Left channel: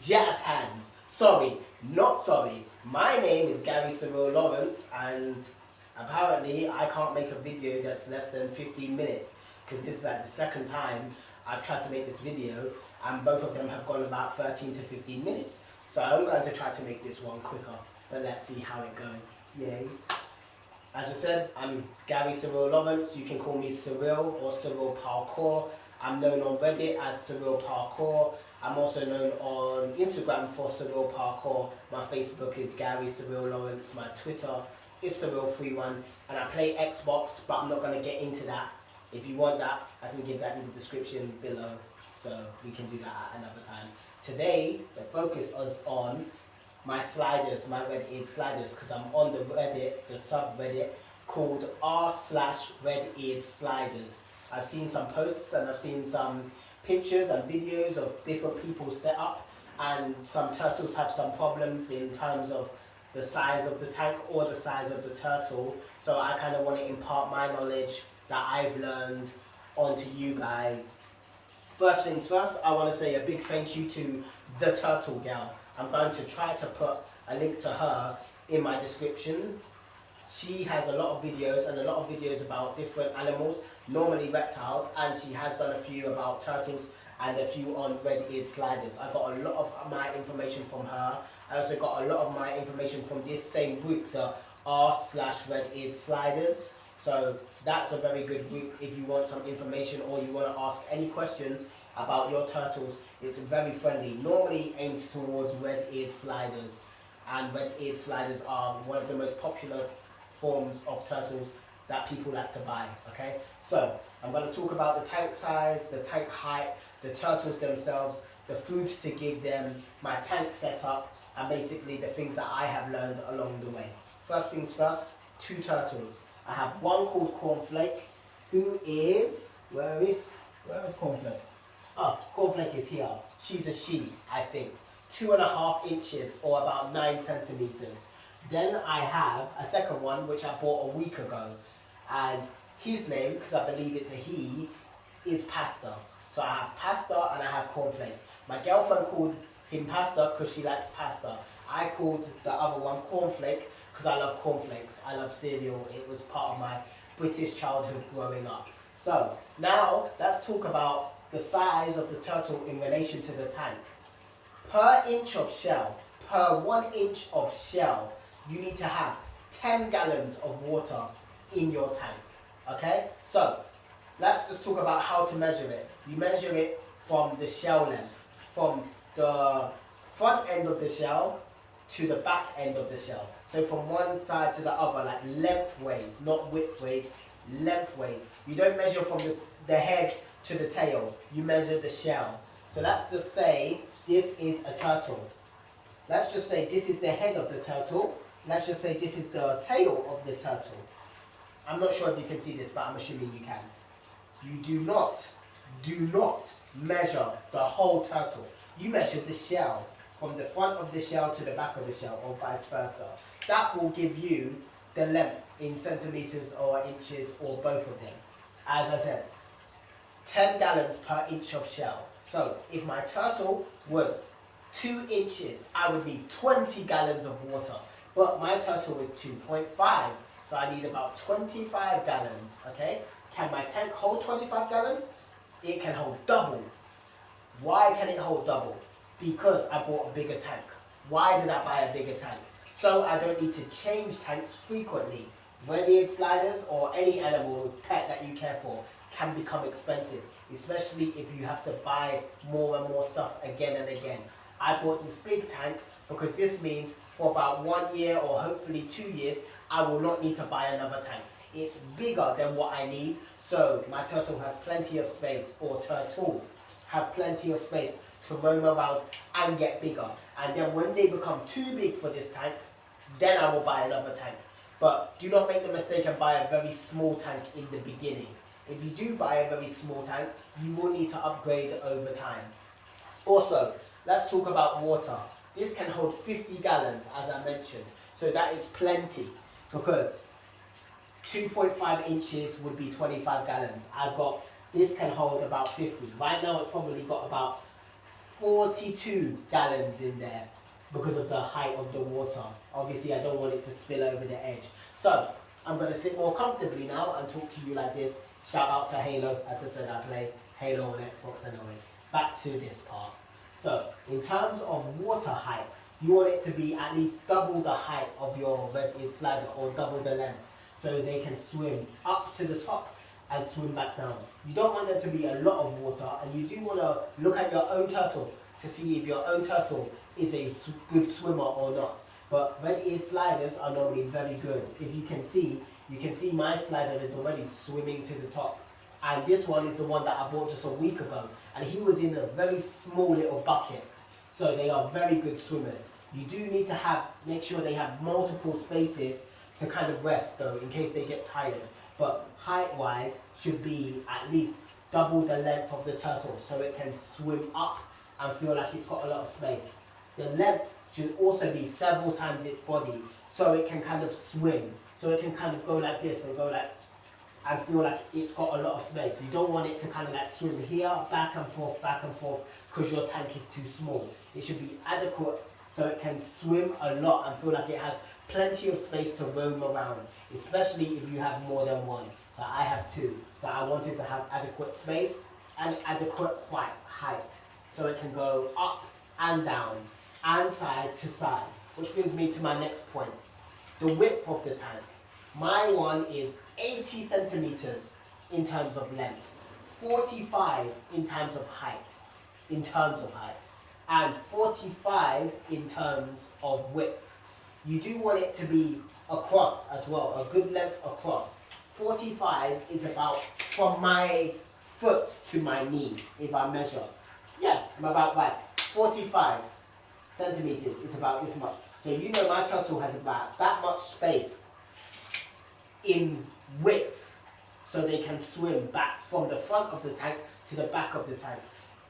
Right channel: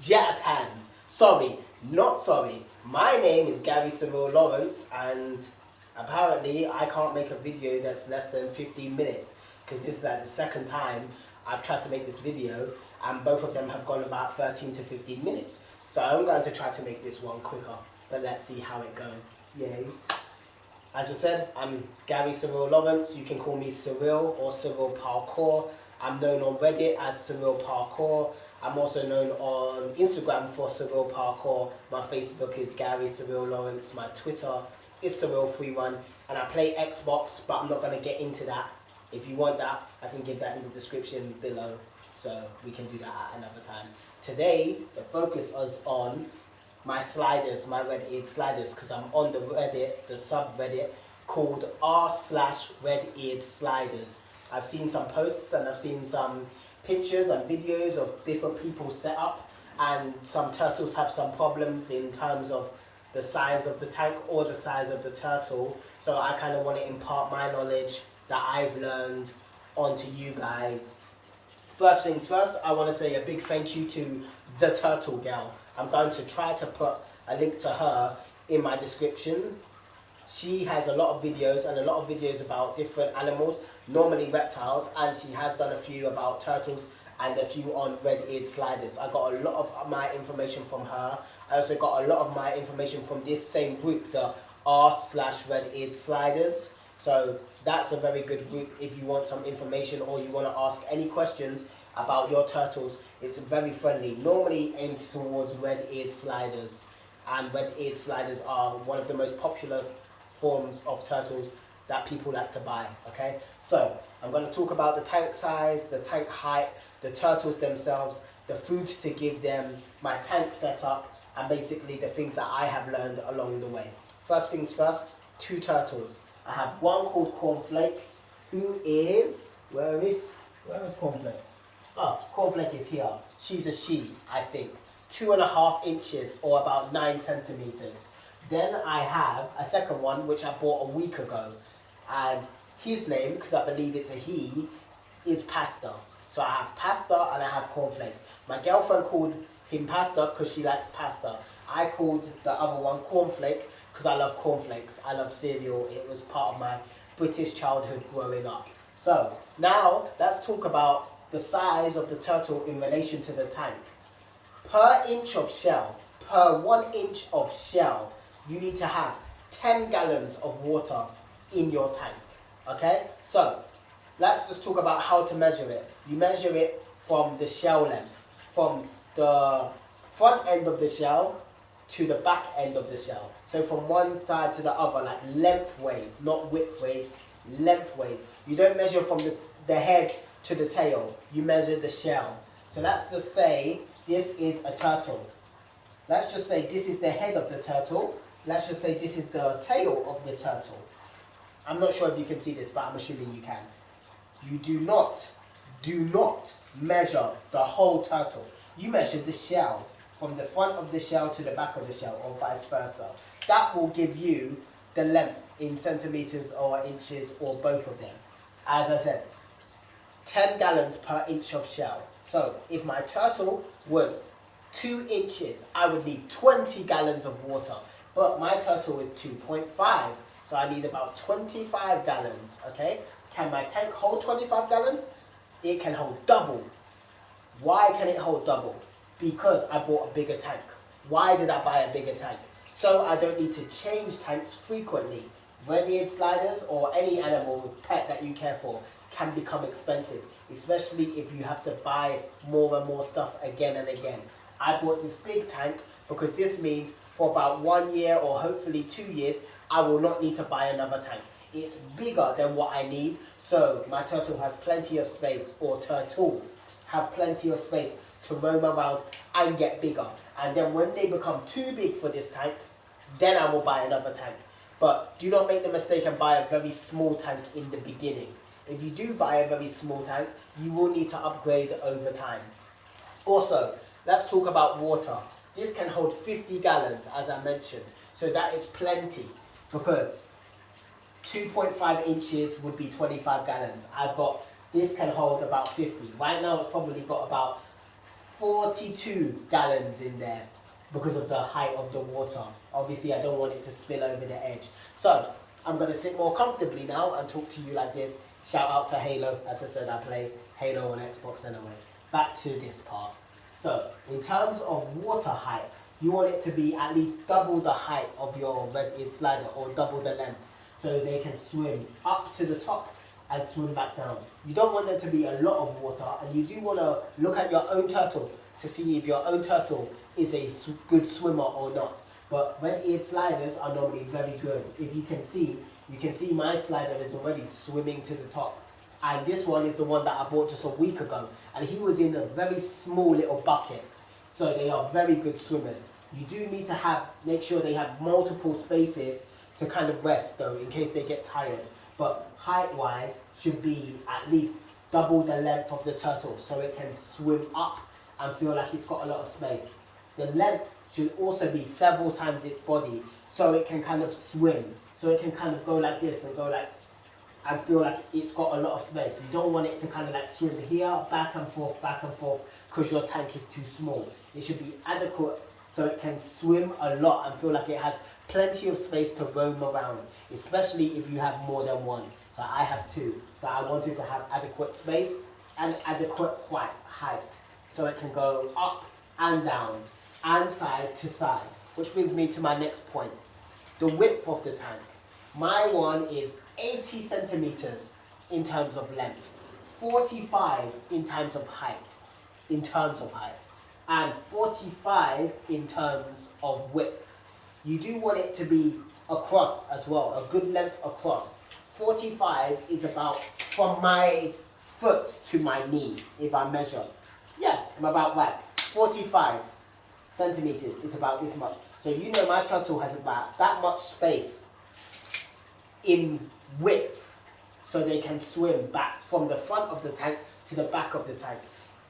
jazz hands. Sorry, not sorry. My name is Gary Cyril Lawrence, and apparently I can't make a video that's less than 15 minutes because this is like the second time I've tried to make this video, and both of them have gone about 13 to 15 minutes. So I'm going to try to make this one quicker, but let's see how it goes. Yay. As I said, I'm Gary Cyril Lawrence. You can call me Surreal or Surrealparkour. I'm known on Reddit as Surrealparkour. I'm also known on Instagram for Surrealparkour. My Facebook is Gary Cyril Lawrence. My Twitter is Surreal31. And I play Xbox, but I'm not going to get into that. If you want that, I can give that in the description below. So we can do that at another time. Today, the focus is on my sliders, my red-eared sliders, because I'm on the Reddit, the subreddit called r/red-eared sliders. I've seen some posts and I've seen some pictures and videos of different people's setup, and some turtles have some problems in terms of the size of the tank or the size of the turtle. So I kind of want to impart my knowledge that I've learned onto you guys. First things first, I want to say a big thank you to the turtle gal. I'm going to try to put a link to her in my description. She has a lot of videos and a lot of videos about different animals, normally reptiles, and she has done a few about turtles and a few on red-eared sliders. I got a lot of my information from her. I also got a lot of my information from this same group, the r/red-eared sliders. So that's a very good group if you want some information or you want to ask any questions about your turtles. It's very friendly, normally aimed towards red-eared sliders, and red-eared sliders are one of the most popular forms of turtles that people like to buy. Okay, so I'm going to talk about the tank size, the tank height, the turtles themselves, the food to give them, my tank setup, and basically the things that I have learned along the way. First things first, 2 turtles. I have one called Cornflake, who is, where is Cornflake? Oh, Cornflake is here. She's a she, I think. 2.5 inches or about 9 centimeters. Then I have a second one which I bought a week ago, and his name, because I believe it's a he, is Pasta. So I have Pasta and I have Cornflake. My girlfriend called him Pasta because she likes pasta. I called the other one Cornflake because I love cornflakes. I love cereal. It was part of my British childhood growing up. So now let's talk about the size of the turtle in relation to the tank. Per inch of shell, per 1 inch of shell, you need to have 10 gallons of water in your tank. Okay, so let's just talk about how to measure it. You measure it from the shell length, from the front end of the shell to the back end of the shell. So from one side to the other, like lengthways, not widthways, lengthways. You don't measure from the head to the tail, you measure the shell. So let's just say this is a turtle. Let's just say this is the head of the turtle. Let's just say this is the tail of the turtle. I'm not sure if you can see this, but I'm assuming you can. You do not measure the whole turtle. You measure the shell, from the front of the shell to the back of the shell, or vice versa. That will give you the length in centimeters or inches, or both of them. As I said, 10 gallons per inch of shell. So if my turtle was 2 inches, I would need 20 gallons of water. But my turtle is 2.5, so I need about 25 gallons, okay? Can my tank hold 25 gallons? It can hold double. Why can it hold double? Because I bought a bigger tank. Why did I buy a bigger tank? So I don't need to change tanks frequently. Red-eared sliders or any animal, pet that you care for, can become expensive, especially if you have to buy more and more stuff again and again. I bought this big tank because this means for about 1 year or hopefully 2 years, I will not need to buy another tank. It's bigger than what I need, so my turtle has plenty of space, or turtles have plenty of space to roam around and get bigger. And then when they become too big for this tank, then I will buy another tank. But do not make the mistake and buy a very small tank in the beginning. If you do buy a very small tank, you will need to upgrade over time. Also, let's talk about water. This can hold 50 gallons, as I mentioned. So that is plenty, because 2.5 inches would be 25 gallons. This can hold about 50. Right now it's probably got about 42 gallons in there because of the height of the water. Obviously, I don't want it to spill over the edge. So I'm going to sit more comfortably now and talk to you like this. Shout out to Halo. As I said, I play Halo on Xbox anyway. Back to this part. So in terms of water height, you want it to be at least double the height of your red eared slider, or double the length, so they can swim up to the top and swim back down. You don't want there to be a lot of water, and you do want to look at your own turtle to see if your own turtle is a good swimmer or not. But red-eared sliders are normally very good. If you can see my slider is already swimming to the top. And this one is the one that I bought just a week ago. And he was in a very small little bucket. So they are very good swimmers. You do need to make sure they have multiple spaces to kind of rest though, in case they get tired. But height-wise, should be at least double the length of the turtle, so it can swim up and feel like it's got a lot of space. The length should also be several times its body, so it can kind of swim. So it can kind of go like this and go like, and feel like it's got a lot of space. You don't want it to kind of like swim here, back and forth, because your tank is too small. It should be adequate so it can swim a lot and feel like it has plenty of space to roam around, especially if you have more than one. So I have two. So I wanted to have adequate space and adequate height, so it can go up and down and side to side. Which brings me to my next point, the width of the tank. My one is 80 centimeters in terms of length, 45 in terms of height, and 45 in terms of width. You do want it to be across as well, a good length across. 45 is about from my foot to my knee, if I measure. Yeah, I'm about right. 45 centimeters is about this much. So you know my turtle has about that much space in width, so they can swim back from the front of the tank to the back of the tank.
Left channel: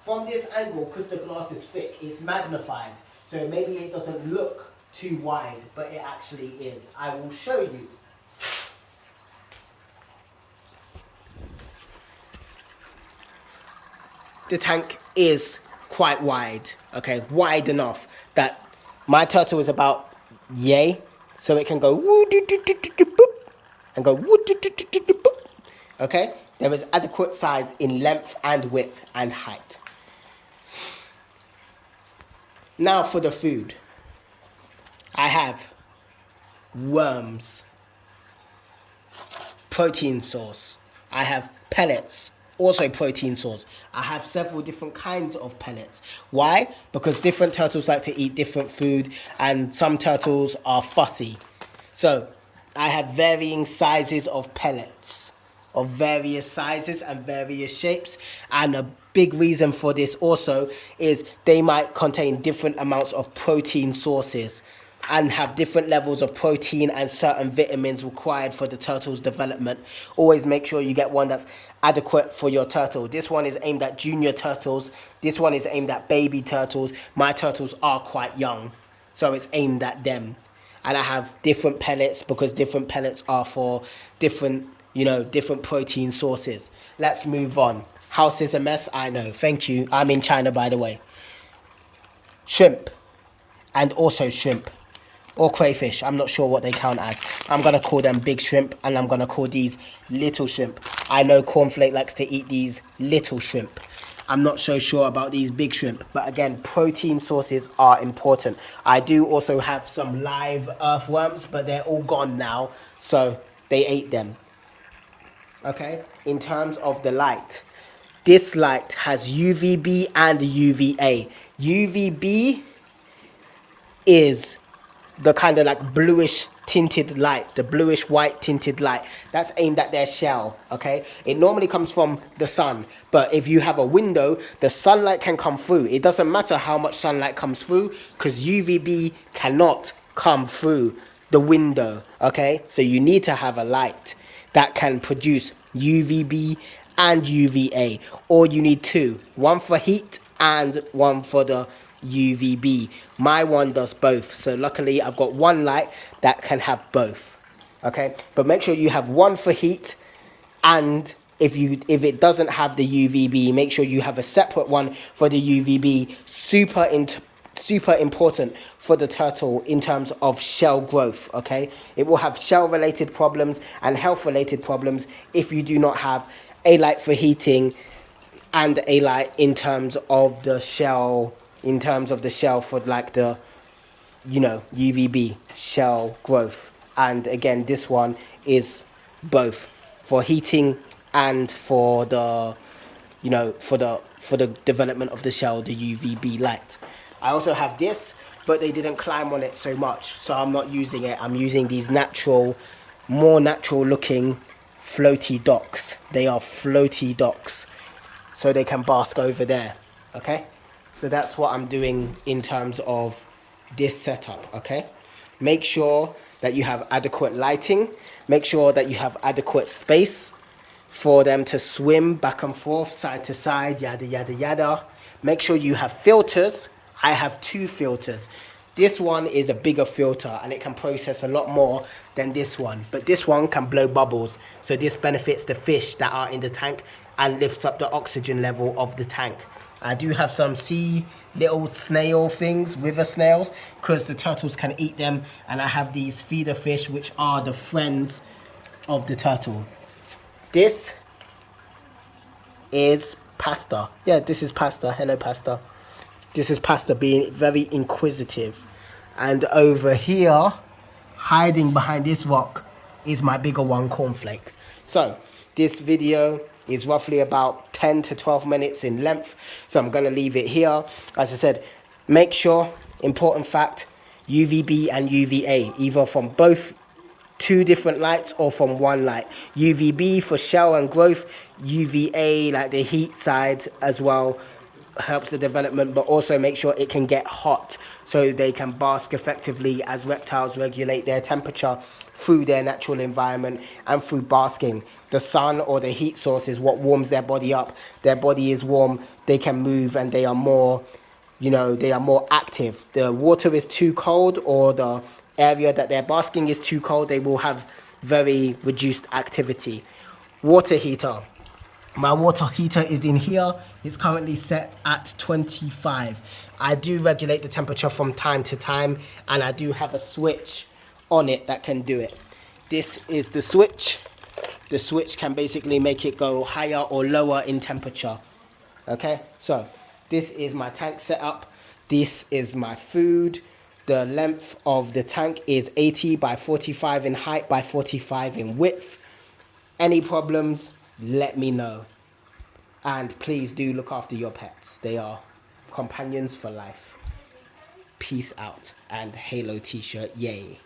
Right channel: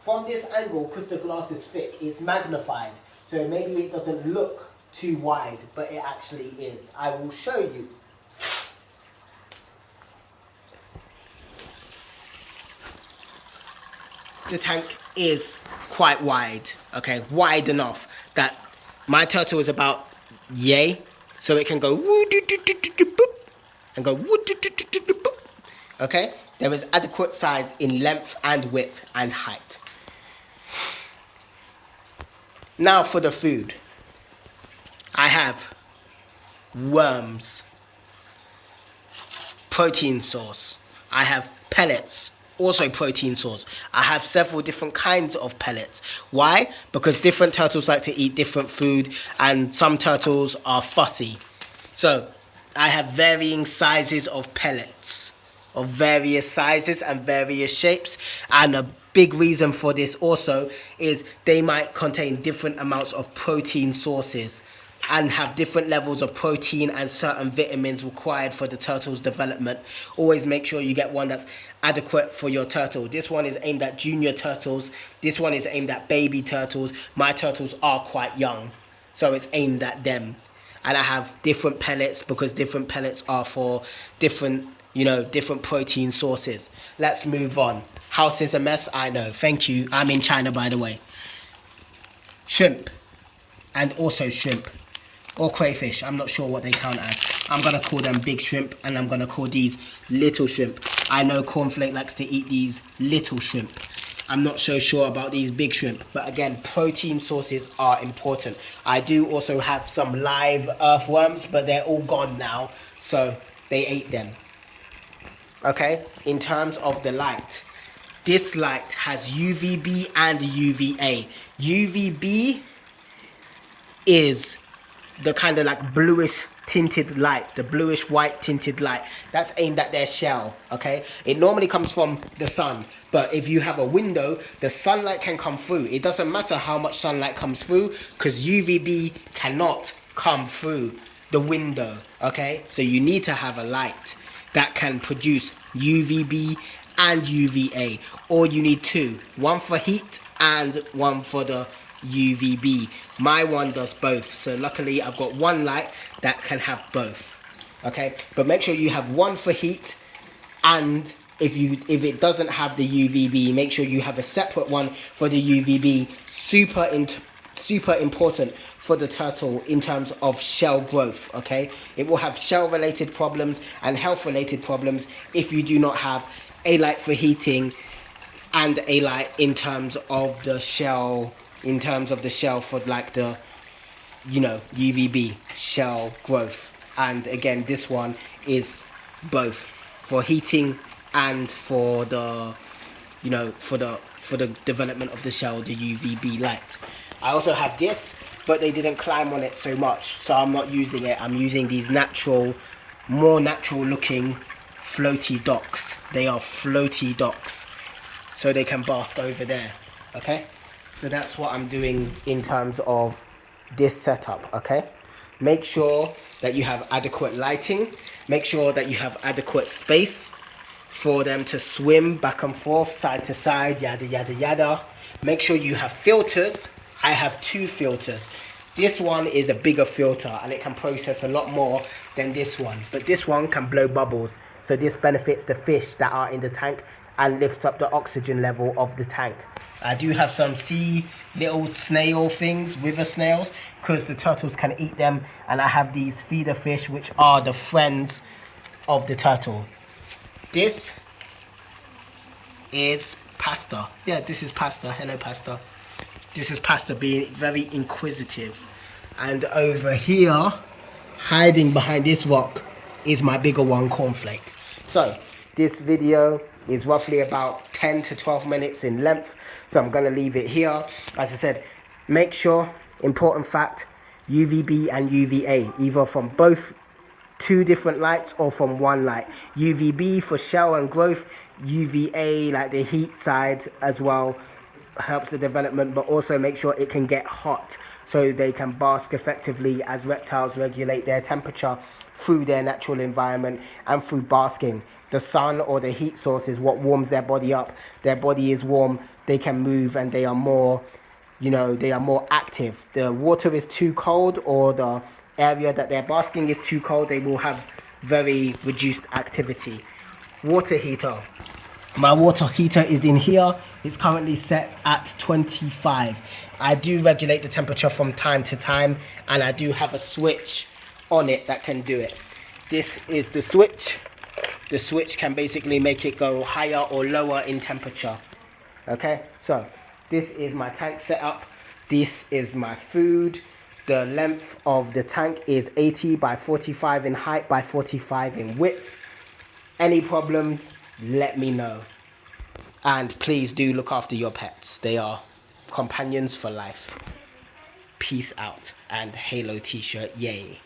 From this angle, because the glass is thick, it's magnified. So maybe it doesn't look too wide, but it actually is. I will show you. The tank is quite wide, okay, wide enough that my turtle is about yay, so it can go woo doo doo doo doo doo boop and go woo doo doo doo doo doo boop. Okay, there is adequate size in length and width and height. Now for the food. I have worms, protein source. I have pellets, also protein source. I have several different kinds of pellets. Why? Because different turtles like to eat different food, and some turtles are fussy. So I have varying sizes of pellets, of various sizes and various shapes. And a big reason for this also is they might contain different amounts of protein sources and have different levels of protein and certain vitamins required for the turtle's development. Always make sure you get one that's adequate for your turtle. This one is aimed at junior turtles. This one is aimed at baby turtles. My turtles are quite young, so it's aimed at them. And I have different pellets because different pellets are for different, different protein sources. Let's move on. House is a mess, I know. Thank you. I'm in China, by the way. Shrimp. And also shrimp. Or crayfish, I'm not sure what they count as. I'm going to call them big shrimp, and I'm going to call these little shrimp. I know Cornflake likes to eat these little shrimp. I'm not so sure about these big shrimp, but again, protein sources are important. I do also have some live earthworms, but they're all gone now, so they ate them. Okay, in terms of the light, this light has UVB and UVA. UVB is the kind of like bluish tinted light, the bluish white tinted light that's aimed at their shell. Okay, it normally comes from the sun, but if you have a window, the sunlight can come through. It doesn't matter how much sunlight comes through, because UVB cannot come through the window. Okay, so you need to have a light that can produce UVB and UVA, or you need two, one for heat and one for the UVB. My one does both, so luckily I've got one light that can have both. Okay, but make sure you have one for heat and if it doesn't have the UVB, make sure you have a separate one for the UVB. Super important for the turtle in terms of shell growth. Okay, it will have shell related problems and health related problems if you do not have a light for heating and a light in terms of the shell, for like the, you know, UVB shell growth. And again, this one is both for heating and for the, you know, for the development of the shell, the UVB light. I also have this, but they didn't climb on it so much, so I'm not using it. I'm using these more natural looking floaty docks. They are floaty docks, so they can bask over there. Okay, so that's what I'm doing in terms of this setup. Okay, make sure that you have adequate lighting, make sure that you have adequate space for them to swim back and forth, side to side, yada yada yada. Make sure you have filters. I have 2 filters. This one is a bigger filter and it can process a lot more than this one, but this one can blow bubbles, so this benefits the fish that are in the tank and lifts up the oxygen level of the tank. I do have some little snail things, river snails, because the turtles can eat them, and I have these feeder fish which are the friends of the turtle. This is Pasta. Yeah, this is Pasta. Hello, Pasta. This is Pasta being very inquisitive. And over here, hiding behind this rock, is my bigger one, Cornflake. So this video is roughly about 10 to 12 minutes in length, so I'm going to leave it here. As I said, make sure, important fact, UVB and UVA, either from both 2 different lights or from 1 light. UVB for shell and growth, UVA like the heat side as well, helps the development, but also make sure it can get hot so they can bask effectively as reptiles regulate their temperature through their natural environment and through basking. The sun or the heat source is what warms their body up. Their body is warm, they can move, and they are more, you know, they are more active. The water is too cold, or the area that they're basking is too cold, they will have very reduced activity. Water heater. My water heater is in here. It's currently set at 25. I do regulate the temperature from time to time, and I do have a switch on it that can do it. This is the switch. The switch can basically make it go higher or lower in temperature. Okay, so this is my tank setup. This is my food. The length of the tank is 80 by 45 in height by 45 in width. Any problems, let me know. And please do look after your pets. They are companions for life. Peace out. And Halo t-shirt, yay.